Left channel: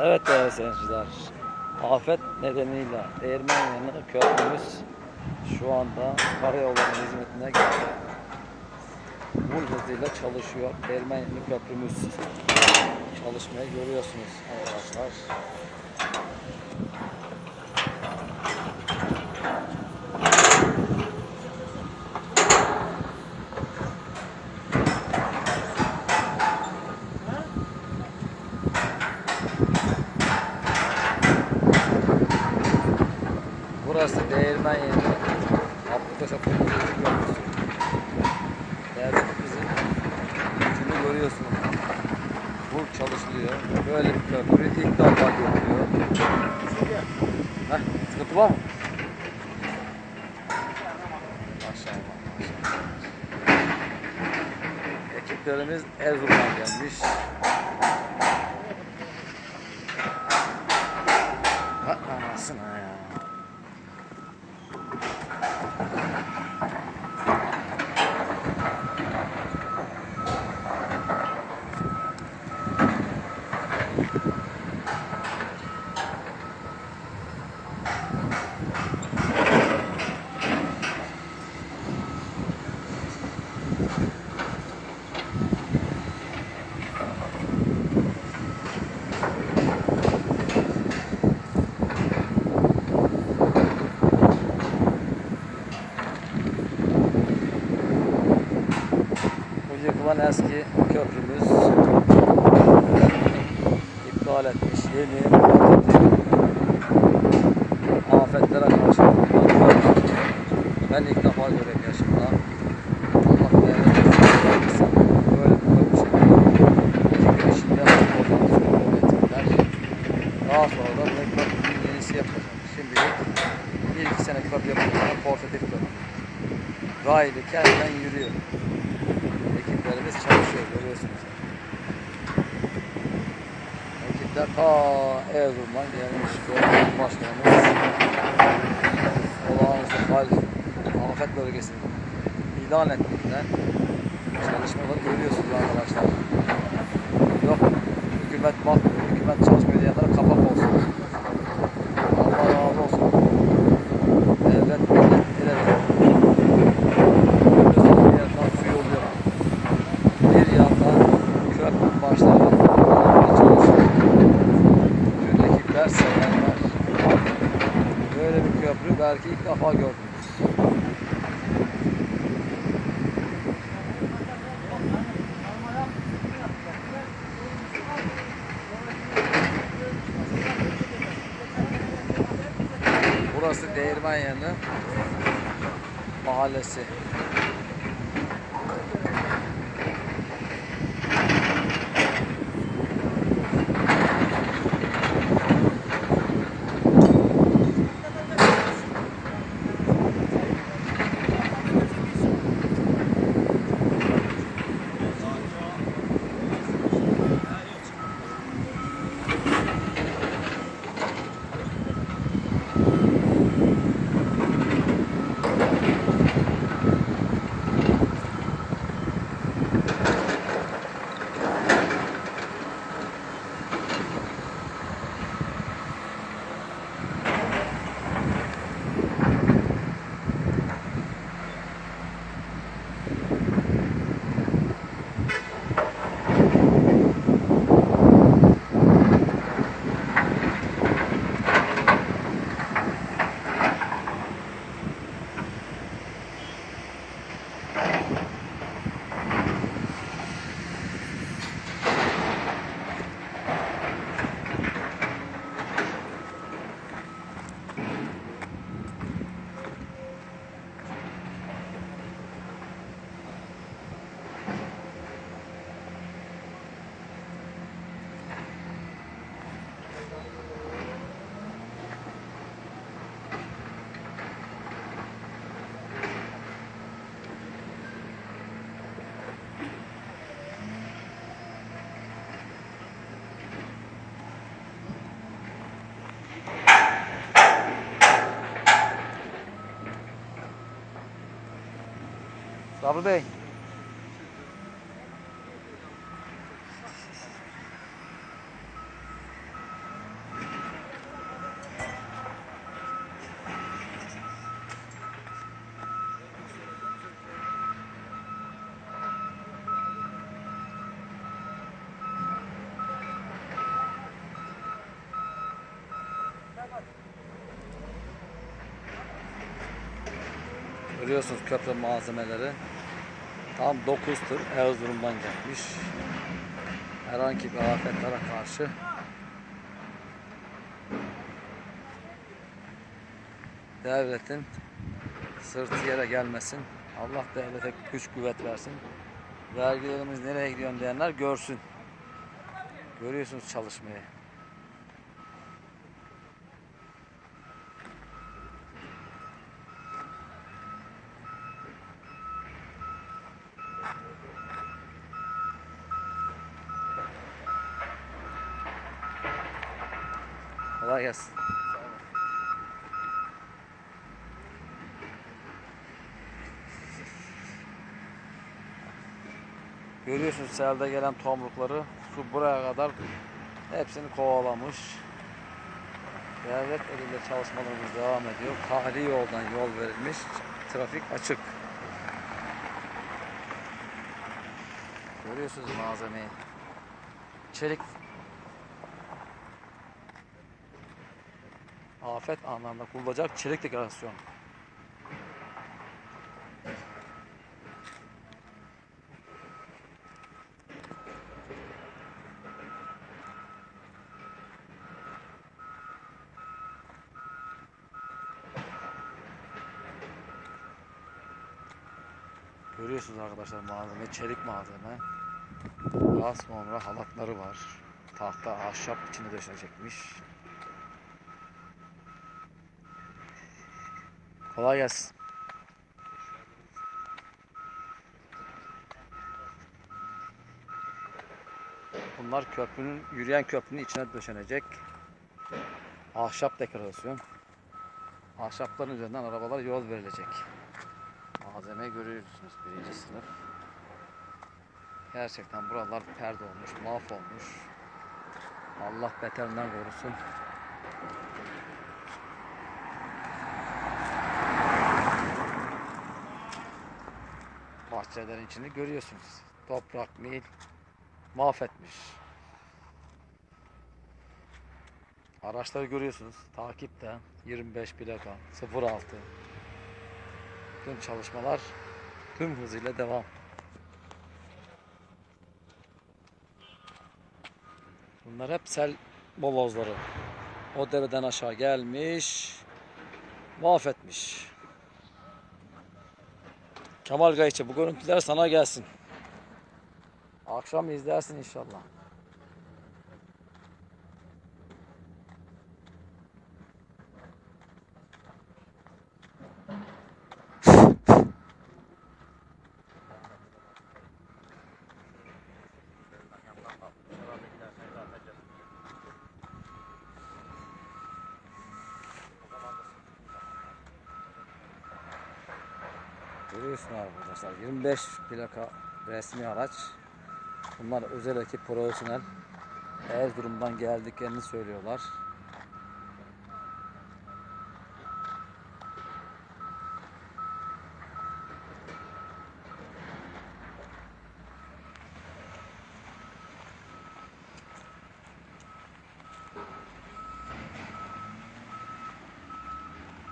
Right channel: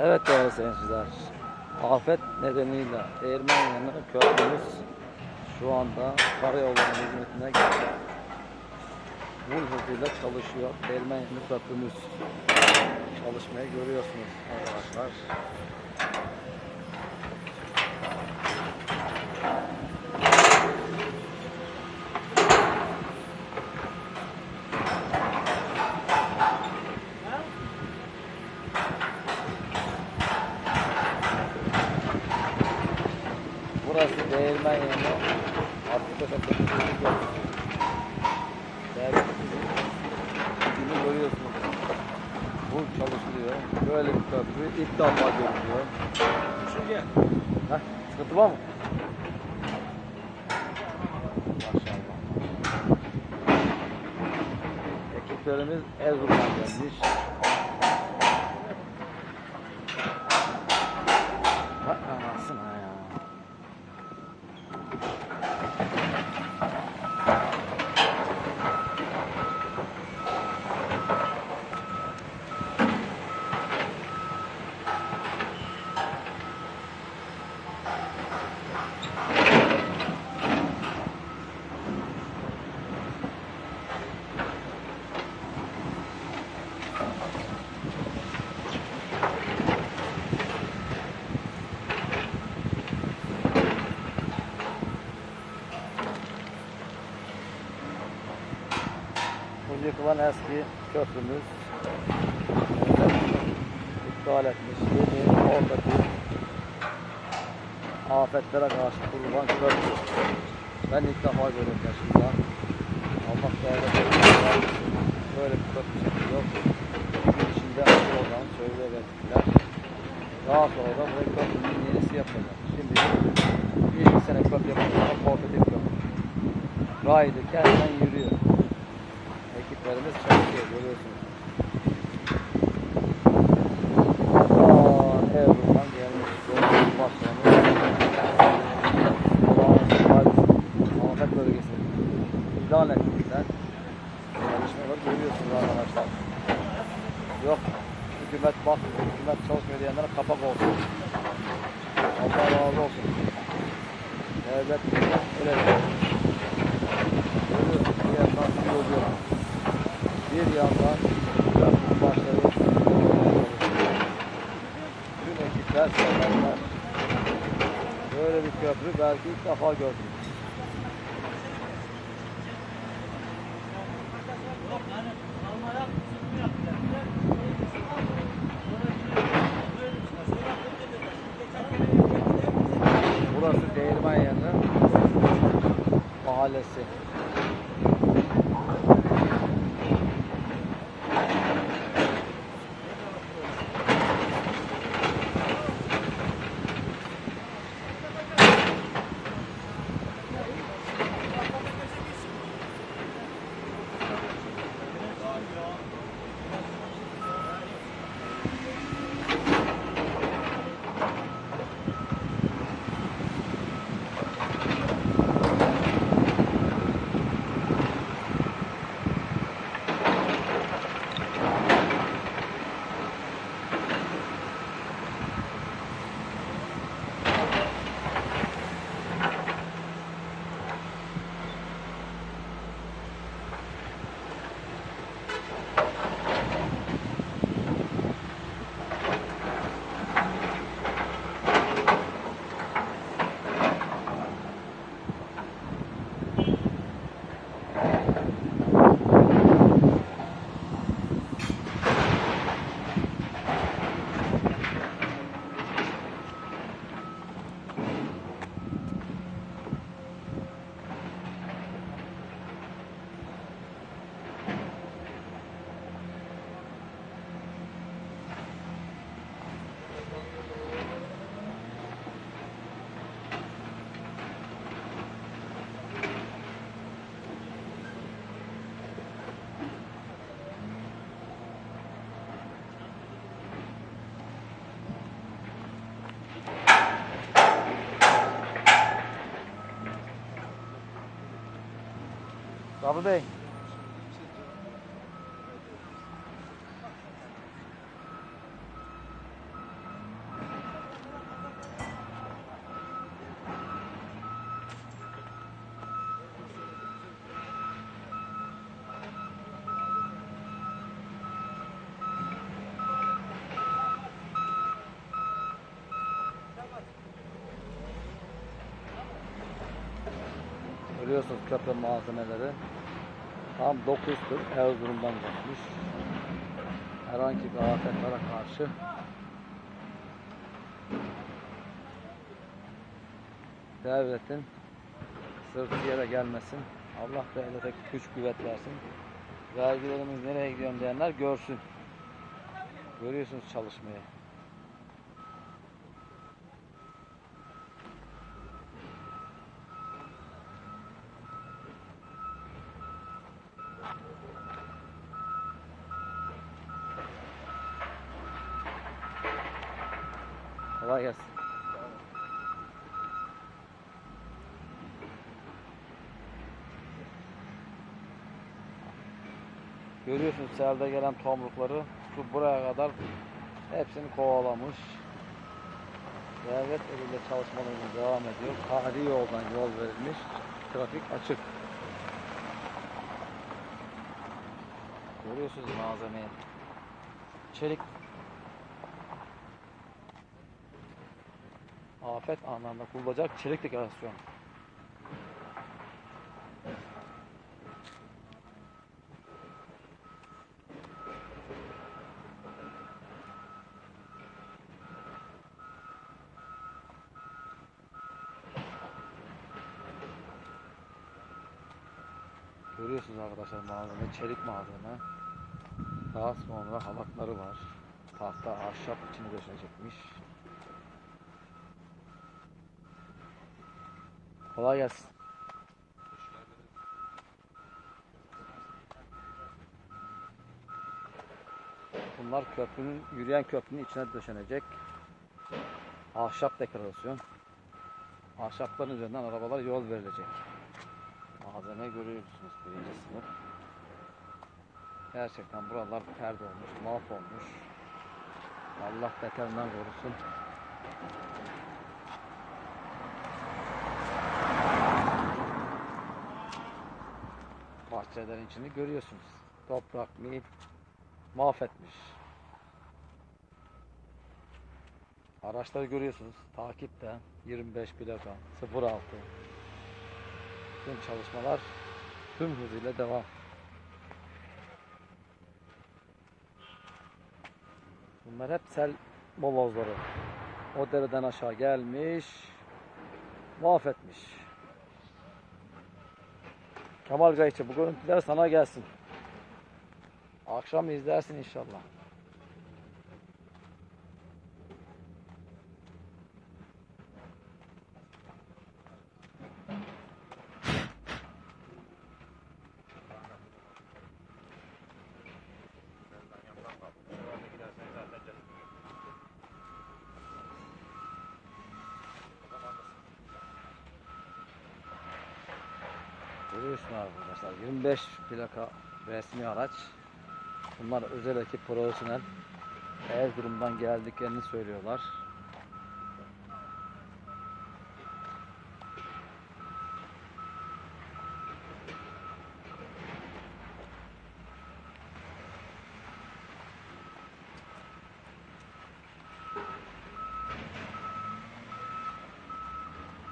Evet değerli seyirciler. Afet nedeniyle Değirmen yanı köprümüz şu anda karayolların hizmetine geldi. Bu hızıyla çalışıyor. Değirmen yanı köprümüz. Çalışmayı görüyorsunuz arkadaşlar. Burası Değirmen yeri. Abdülkaş Abdülkaş'ın köprüsü. Değerli bizim gücünü görüyorsunuz. Bu çalışılıyor. Böyle köprü ilk defa görülüyor. Sıkıntı var mı? Maşallah maşallah. Ekiplerimiz Erzurum'dan gelmiş. Vay anasına ya. Bu yıkılan eski köprümüz iptal etmiş. Yeni afetlere karşı köprü. Ben ilk defa görüyorum yaşımda. Allah versin. Böyle bir çekiyor. Şimdi oradan söylüyor yönetimler. Daha sonra da bu köprünün yenisi yapılacak. Şimdi bir iki sene köprü yapılacak. Portatif köprü. Raylı kendinden yürüyor. Ekiplerimiz çalışıyor görüyorsunuz. Ekipler ta Erzurum'dan gelmiş. Belediye Başkanımız olağanüstü hal afet bölgesini ilan ettiğinden çalışmaları görüyorsunuz arkadaşlar. Yok hükümet bakmıyor, hükümet çalışmıyor diyenlere kapak olsun. Allah razı olsun. Devlet ileri. Görüyorsunuz bir yandan su yoluyor. Bir yandan köprü başları çalışıyor. Bütün ekipler severler. Böyle bir köprü belki ilk defa gördünüz. Sabri Bey. Görüyorsunuz köprü malzemeleri. Tam 9 tır Erzurum'dan gelmiş. Herhangi bir afetlere karşı devletin sırtı yere gelmesin. Allah devlete güç kuvvet versin. Vergilerimiz nereye gidiyor diyenler görsün. Görüyorsunuz çalışmayı. Kolay gelsin. Görüyorsunuz selde gelen tomrukları su buraya kadar hepsini kovalamış. Devlet eliyle çalışmalarımız devam ediyor. Tarihi yoldan yol verilmiş. Trafik açık. Görüyorsunuz malzemeyi. Çelik afet anlamında kullanılacak çelik dekorasyon. Görüyorsunuz arkadaşlar malzeme çelik malzeme. Sonra halatları var. Tahta ahşap içine döşenecekmiş. Kolay gelsin. Bunlar köprünün, yürüyen köprünün içine döşenecek. Ahşap dekorasyon. Ahşapların üzerinden arabalar yol verilecek. Malzeme görüyorsunuz birinci sınıf. Gerçekten buralar perde olmuş, mahvolmuş. Allah beterinden korusun. Bahçelerin içini görüyorsunuz. Toprak, mil mahvetmiş. Araçları görüyorsunuz. Takipte 25 plaka 06. Tüm çalışmalar tüm hızıyla devam. Bunlar hep sel molozları. O dereden aşağı gelmiş, mahvetmiş. Kemal Gayçı bu görüntüler sana gelsin. Akşam izlersin inşallah. Görüyorsun arkadaşlar 25 plaka resmi araç. Bunlar özel ekip profesyonel. Erzurum'dan geldiklerini söylüyorlar.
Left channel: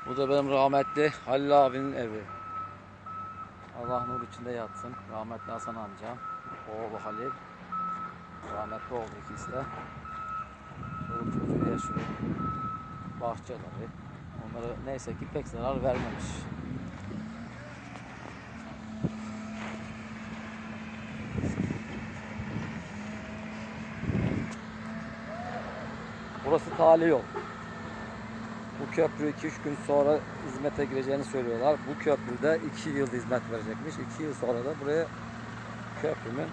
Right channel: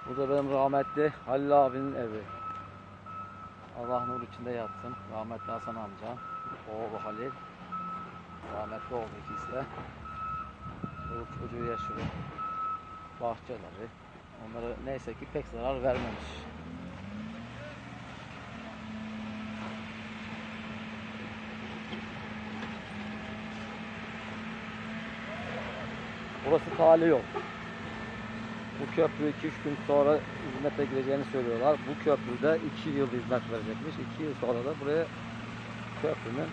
Bu da benim rahmetli Halil abinin evi. Allah nur içinde yatsın. Rahmetli Hasan amca, oğlu Halil. Rahmetli oldu ikisi de. Çoluk çocuğu yaşıyor. Bahçeleri. Onlara neyse ki pek zarar vermemiş. Burası tali yol. Köprü 2-3 gün sonra hizmete gireceğini söylüyorlar. Bu köprüde 2 yıl hizmet verecekmiş. 2 yıl sonra da buraya köprünün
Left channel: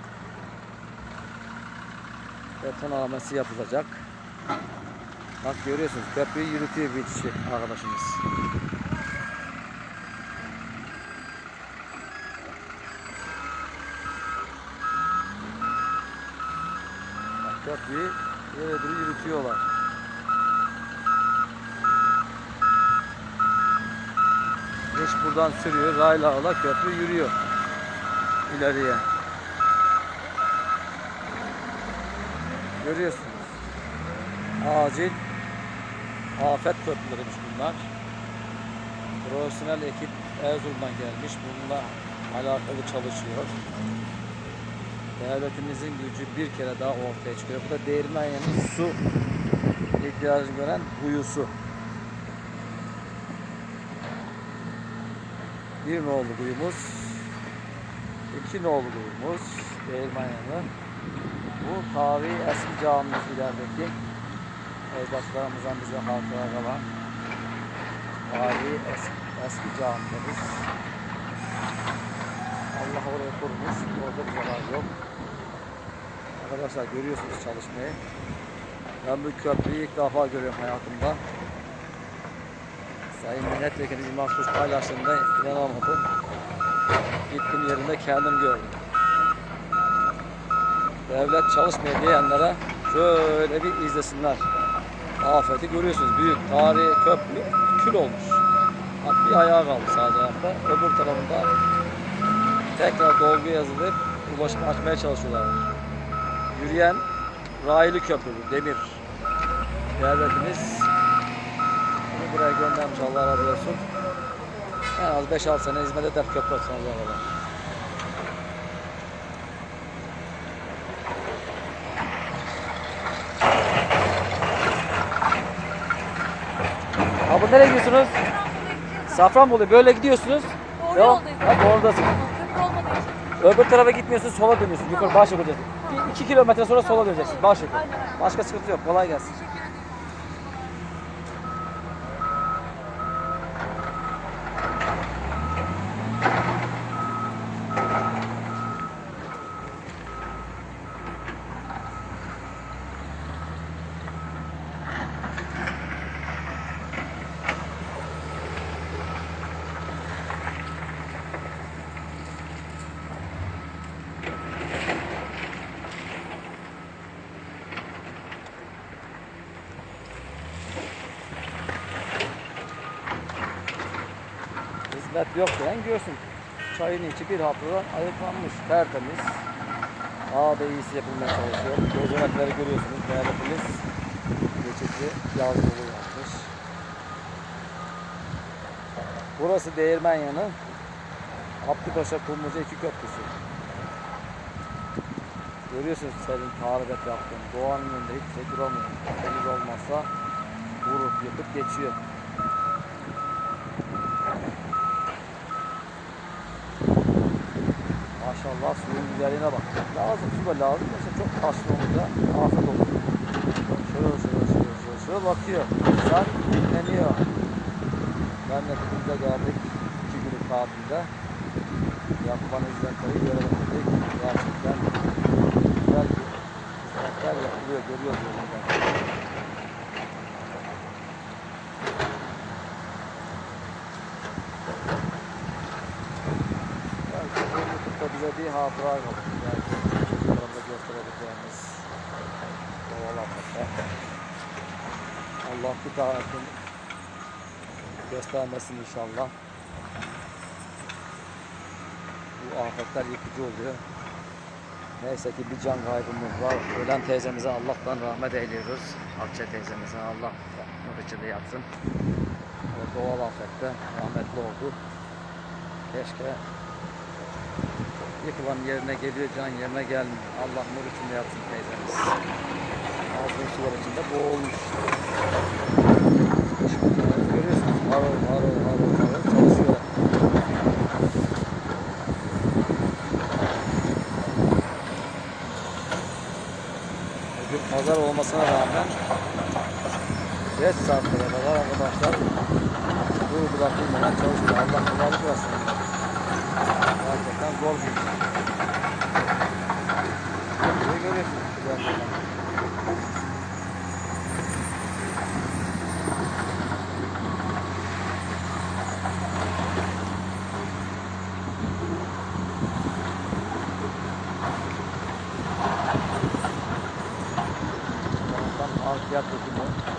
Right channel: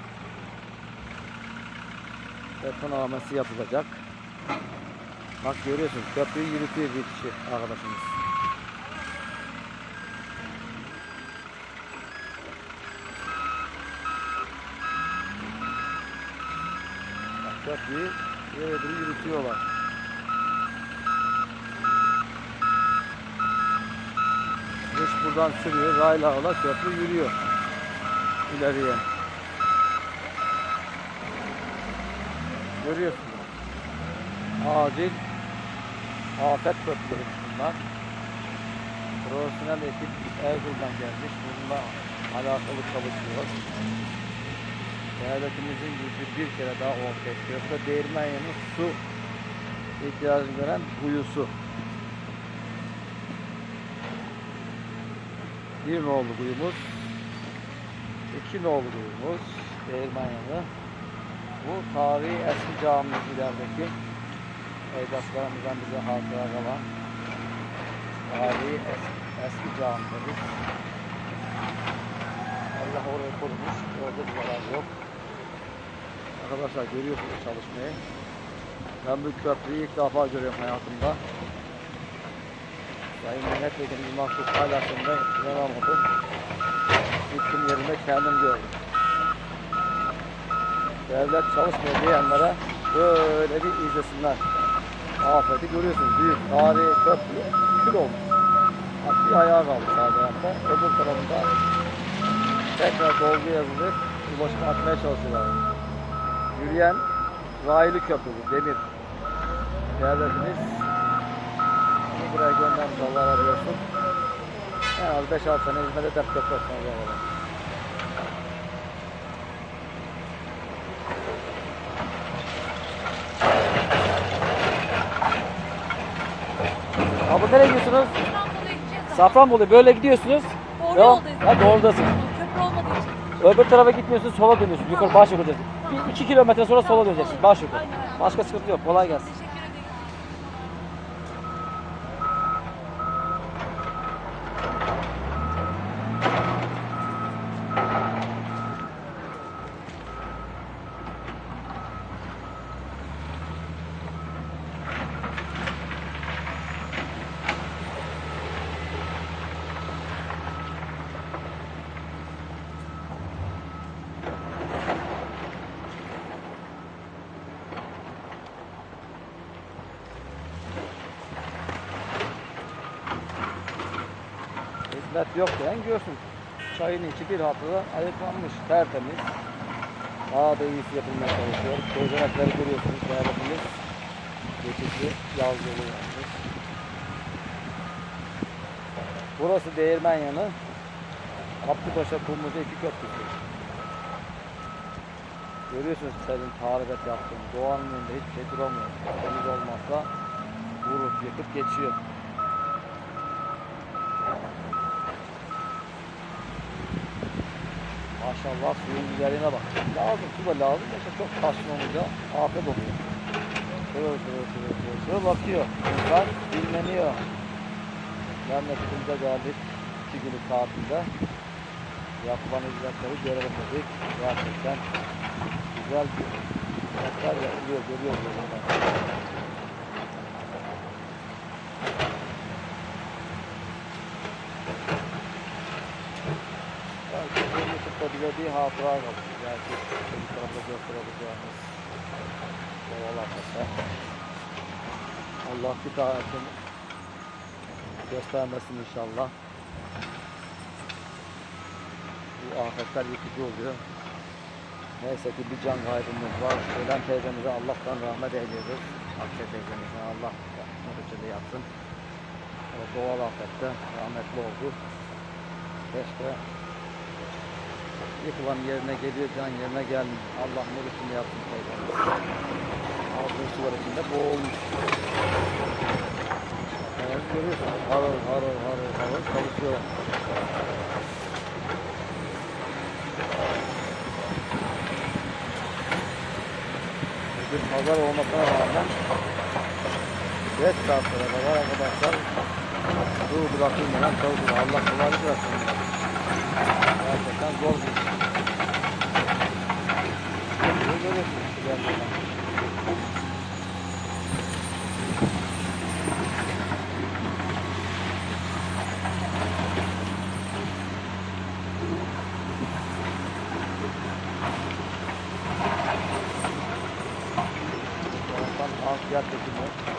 betonarmesi yapılacak. Bak görüyorsunuz köprüyü yürütüyor bir kişi arkadaşımız. Bak köprüyü yürütüyorlar. Geç buradan sürüyor. Rayla ola köprü yürüyor. ileriye. Görüyorsunuz. Acil afet köprüleriymiş bunlar. Profesyonel ekip Erzurum'dan gelmiş. Bununla alakalı çalışıyor. Devletimizin gücü bir kere daha ortaya çıkıyor. Bu da Değirmenyan'ın su ihtiyacını gören kuyusu. Bir nolu kuyumuz, iki nolu kuyumuz Değirmenyan'ı. Bu tarihi eski camimiz ilerideki ecdadlarımızdan bize hatıra kalan tarihi eski, eski camimiz. Allah orayı korumuş. Orada bir zarar yok. Arkadaşlar görüyorsunuz çalışmayı. Ben bu köprüyü ilk defa görüyorum hayatımda. Sayın Milletvekili Mahsus paylaşımda inanamadım. Gittim yerinde kendim gördüm. Devlet çalışmıyor diyenlere şöyle bir izlesinler. Afeti görüyorsunuz. Büyük tarihi köprü kül olmuş. Bak bir ayağı kaldı sağ tarafta. Öbür tarafında tekrar dolgu yazılıp ulaşımı açmaya çalışıyorlar. Yürüyen raylı köprü bu, demir. Devletimiz buraya göndermiş Allah razı olsun. En az 5-6 sene hizmet eder köprü kadar. Abi nereye gidiyorsunuz? Safranbolu böyle gidiyorsunuz. Doğru Devam. Ha doğrudasın. Öbür tarafa gitmiyorsunuz sola dönüyorsunuz. Yukarı baş yukarı. 2 kilometre sonra sola döneceksiniz. Baş yukarı. Başka sıkıntı yok. Kolay gelsin. Yok diyen görsün. Çayın içi bir haftada ayıklanmış. Tertemiz. İyisi yapılmaya çalışıyor. Gözenekleri görüyorsunuz. Devletimiz geçici yaz yolu yapmış. Burası Değirmen yanı. Abdüpaşa Kumluca iki köprüsü. Görüyorsunuz senin tarif et yaptığını. Doğanın önünde hiçbir şey duramıyor. Deniz olmazsa vurup yıkıp geçiyor. Maşallah suyun güzelliğine bak. Lazım, su da lazım. Yoksa çok taşlı olunca afet olur. Şöyle şöyle şöyle şöyle şöyle bakıyor. İnsan dinleniyor. Memleketimize geldik. iki günlük tatilde. Yapılan hizmetleri görelim dedik. Gerçekten güzel hizmetler yapılıyor. Görüyoruz yolunda. Belki YouTube'da bize bir hatıra kalır. Belki çocuklarımıza gösterebileceğimiz afetler. Allah bir tanesini göstermesin inşallah. Bu afetler yıkıcı oluyor. Neyse ki bir can kaybımız var. Ölen teyzemize Allah'tan rahmet eyliyoruz. Akça teyzemize Allah nur içinde yatsın. O doğal afette rahmetli oldu. Keşke yıkılan yerine geliyor, can yerine gelmiyor. Allah nur içinde yatsın teyzemiz. Ağzının sular içinde boğulmuş. Evet, görüyorsunuz harıl harıl harıl harıl çalışıyor. Bugün pazar olmasına rağmen geç saatlere kadar arkadaşlar dur bırakılmadan çalışıyor. Allah kolaylık versin. Gerçekten zor bir iş. Böyle görüyorsunuz gerçekten. Taraftan harfiyat dökümü.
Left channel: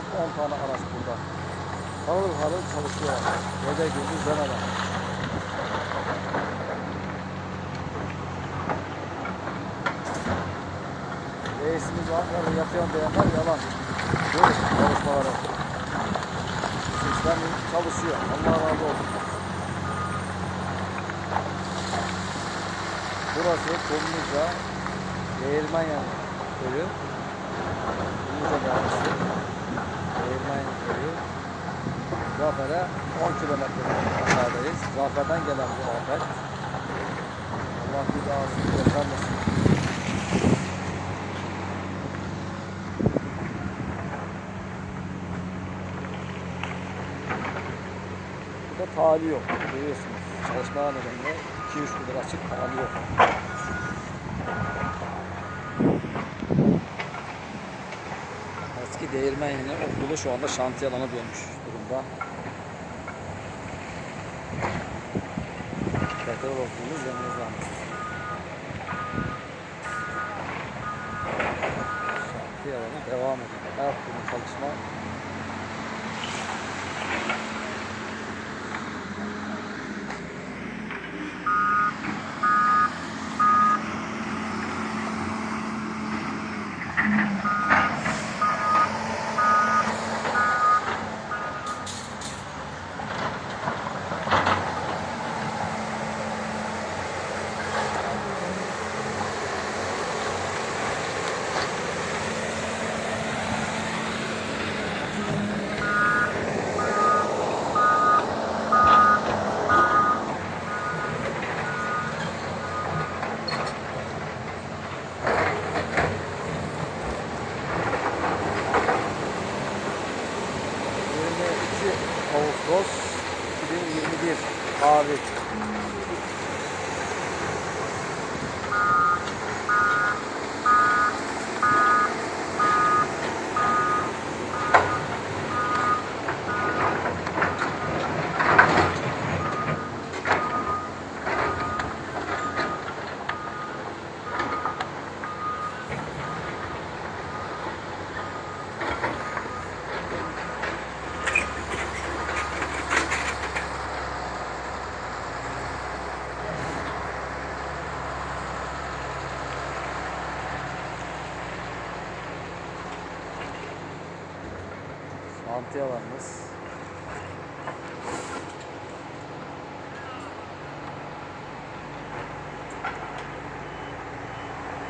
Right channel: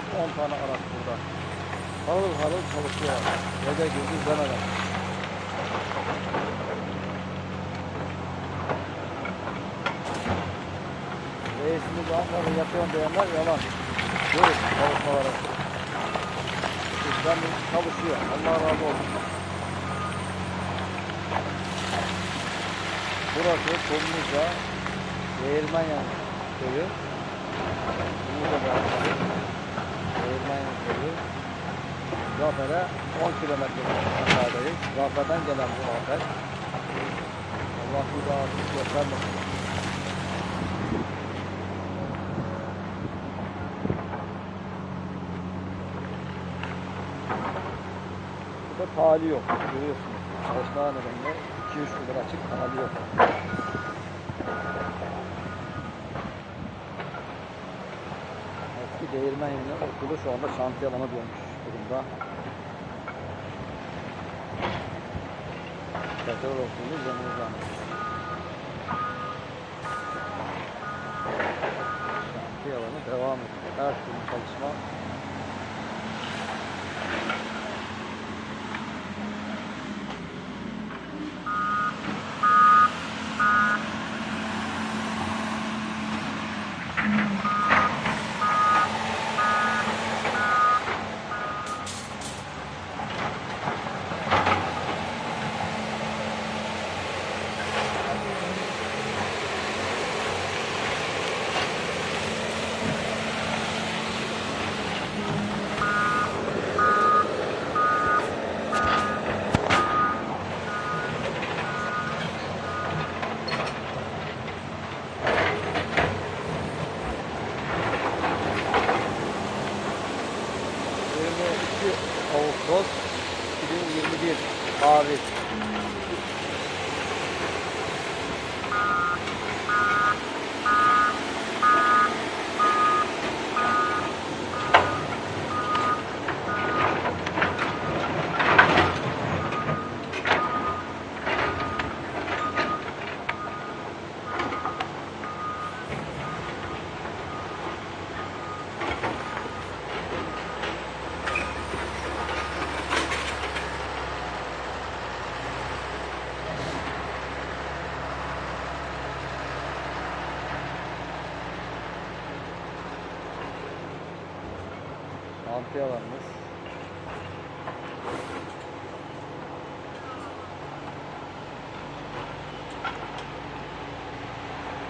az 10 tane araç burada. Harıl harıl çalışıyor. Gece gündüz demeden. Reisimiz Ankara'da yatıyorsun diyenler yalan. Görün çalışmaları. Sistem çalışıyor. Allah razı olsun. Burası Kumluca Değirmenyan köyü. Kumluca Belediyesi. Değirmenyan köyü. Zafer'e 10 kilometre mesafedeyiz. Zafer'den gelen bu afet. Allah bir daha göstermesin. Burada tali yok. Görüyorsunuz. Çalışma nedeniyle 2-3 gündür açık tali yok. Eski değirmen yine okulu şu anda şantiye alana dönmüş durumda. Petrol okulumuz yanımızda. Şantiye alanı devam ediyor. Her türlü çalışma 2021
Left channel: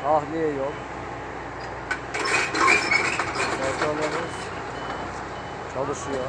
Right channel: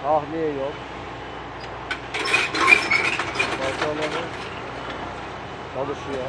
Tahliye yok. Motorlarımız çalışıyor.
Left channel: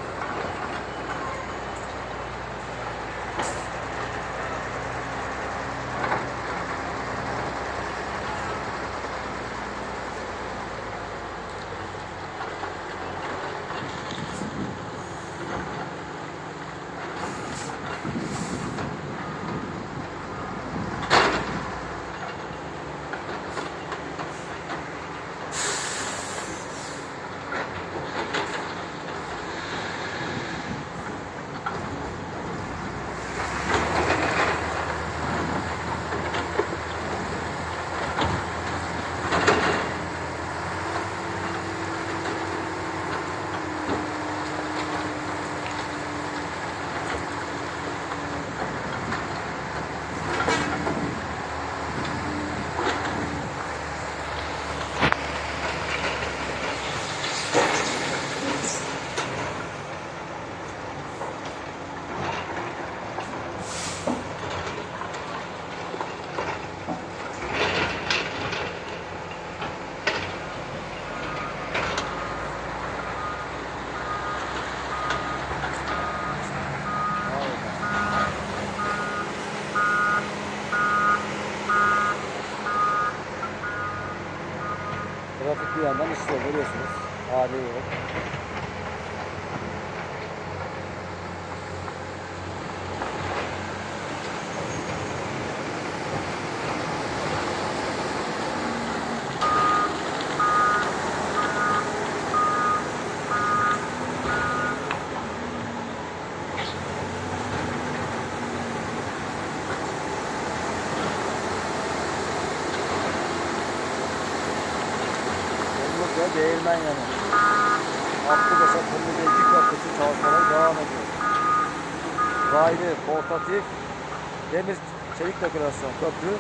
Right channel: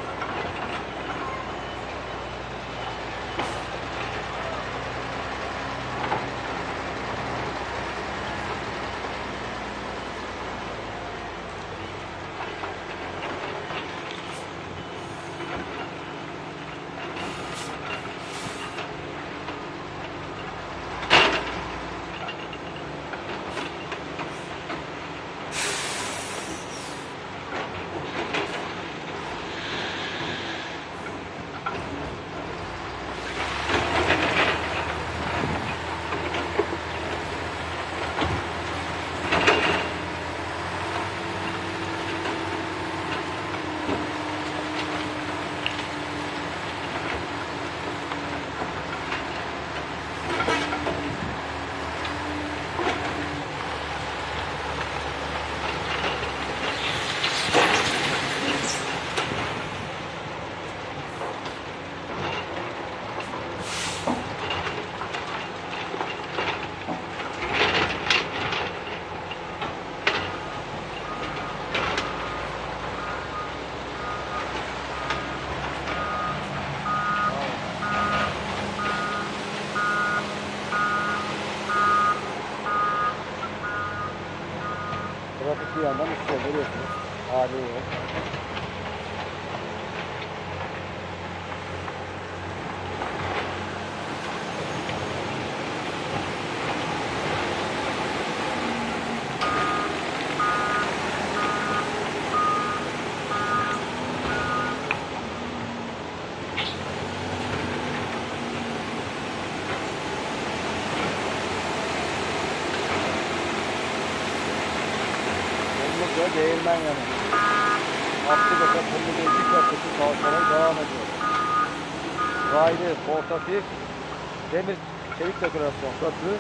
Trafik bir yandan işliyor görüyorsunuz. Hali yok. Yolumuzda değirmen yanı. Akkubaş'a Kırmızı Geyik Köprüsü çalışmaları devam ediyor. Raylı, portatif, demir çelik dekorasyon köprü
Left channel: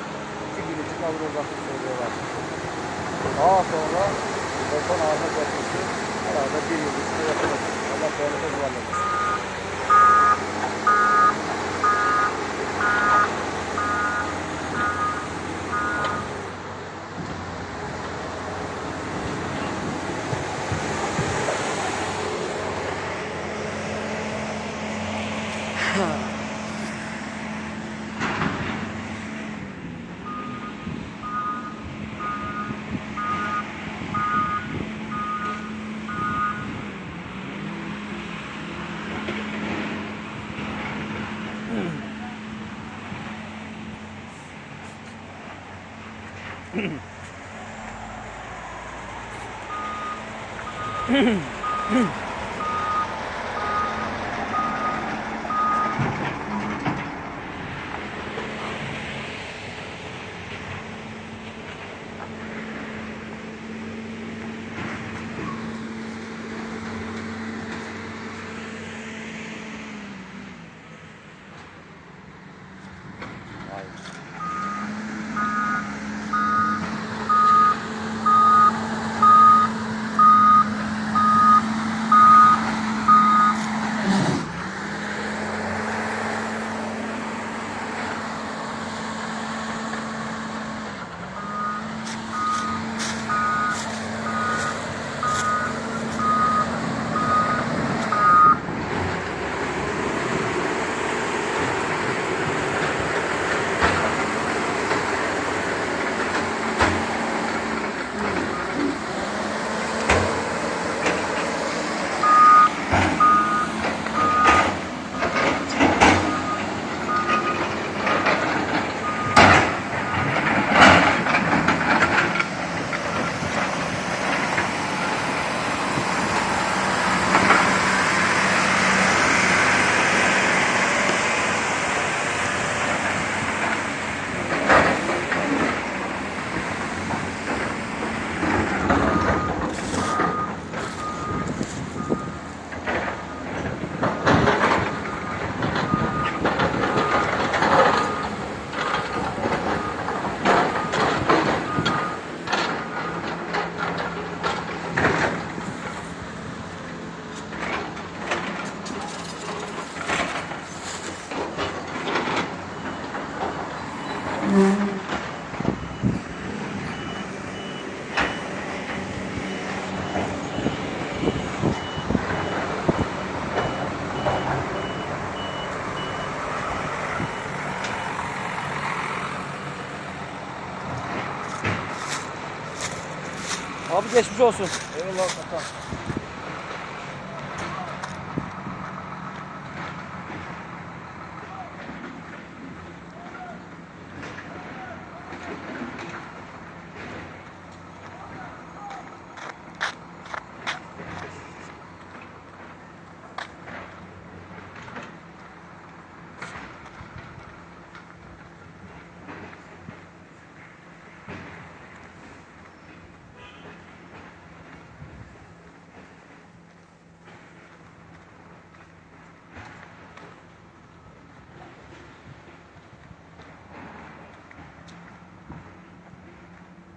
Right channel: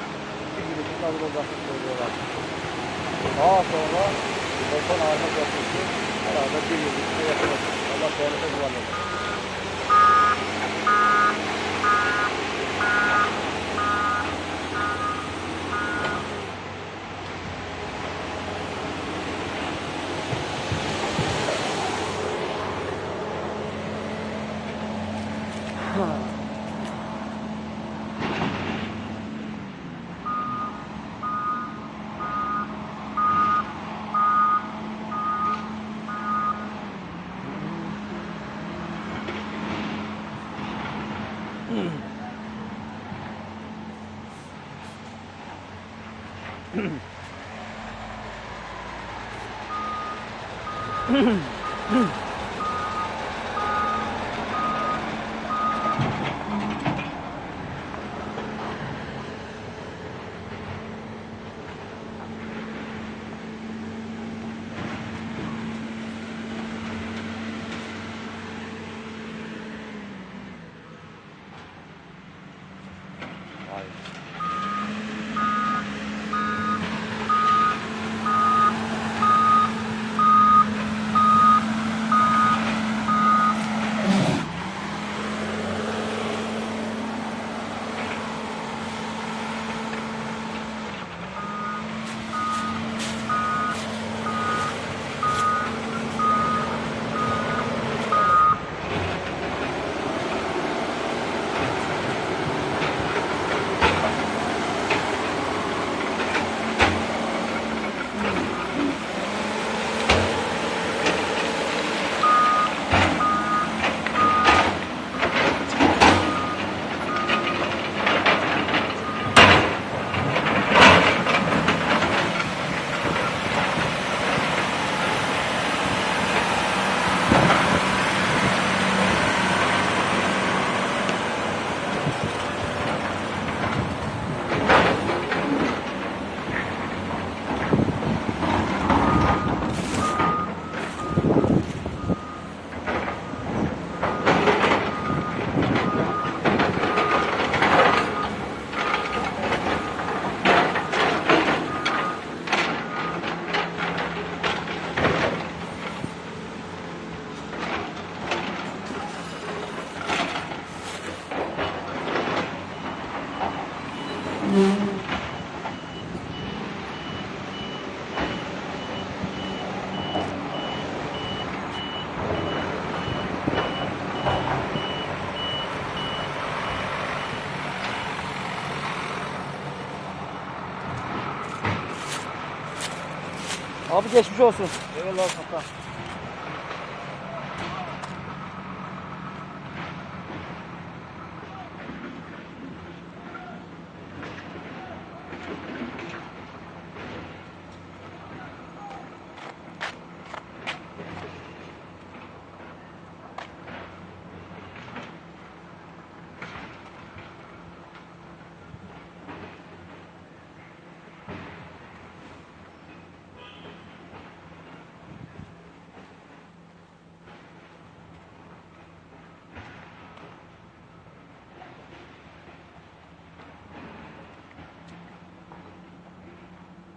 iki gün için hazır olacakını söylüyorlar. Daha sonra beton ağacı köprüsü herhalde bir yıl içinde yapılır. Allah devlete güvenlesin. mm Abi geçmiş olsun. Eyvallah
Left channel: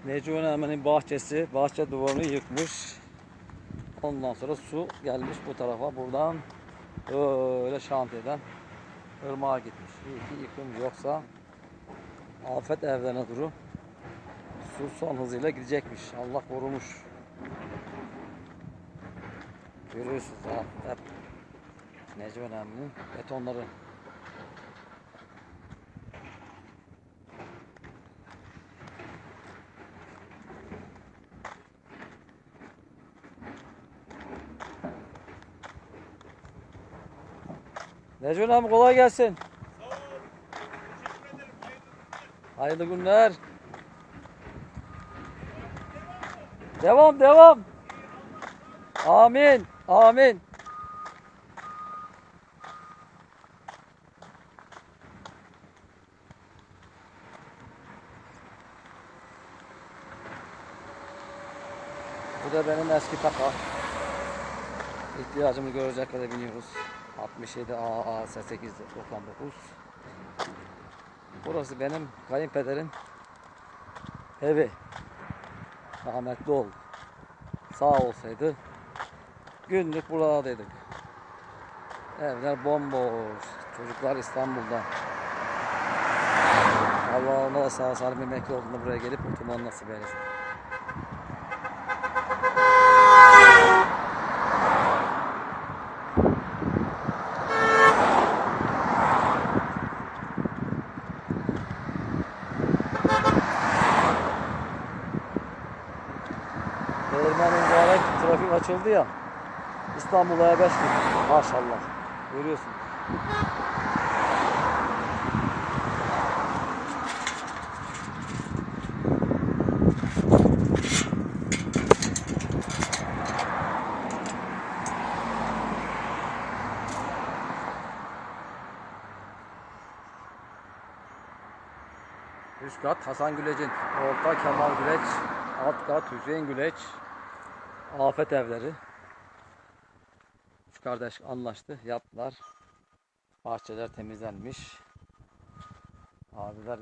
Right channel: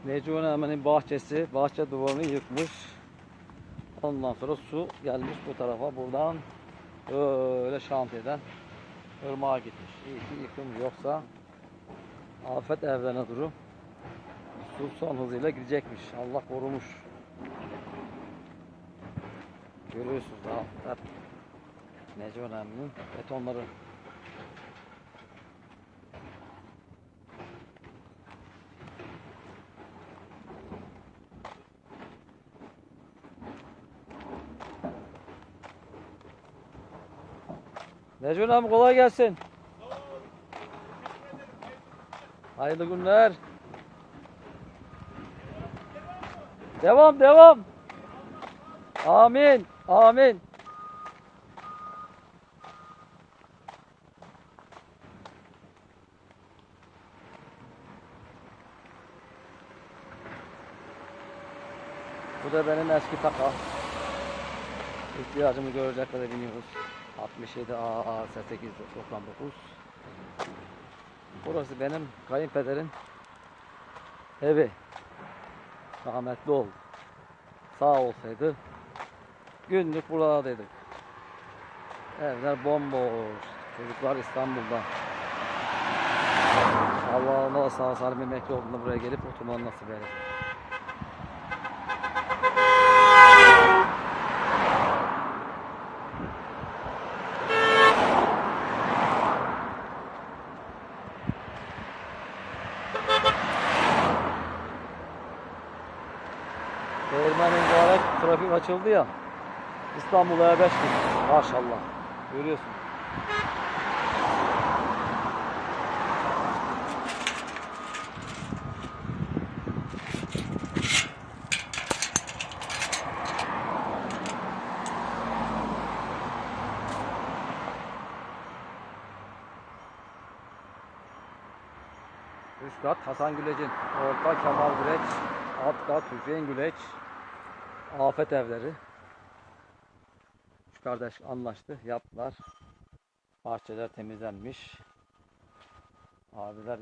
Necmi Önemli'nin bahçesi, bahçe duvarını yıkmış. Ondan sonra su gelmiş bu tarafa buradan öyle şantiyeden ırmağa gitmiş. İyi ki yıkım yoksa afet evlerine durum. Su son hızıyla gidecekmiş. Allah korumuş. Görüyorsunuz ha, hep Necmi Önemli'nin betonları. Necmi abi kolay gelsin. Hayırlı günler. Devam devam. Amin. Amin. Bu da benim eski taka. İhtiyacımı görecek kadar biniyoruz. 67 AA 899. Burası benim kayınpederin evi. Rahmetli oldu. Sağ olsaydı günlük buradaydık. Evler bomboş. Çocuklar İstanbul'da. Allah ona sağ salim emekli olduğunda buraya gelip oturmanı nasip eylesin. Değirmen mübarek trafik açıldı ya. İstanbul'a E5 gibi. Maşallah. Görüyorsun. Üst kat Hasan Güleç'in, orta Kemal Güleç, alt kat Hüseyin Güleç, afet evleri. Üç kardeş anlaştı, yaptılar. Bahçeler temizlenmiş. Abiler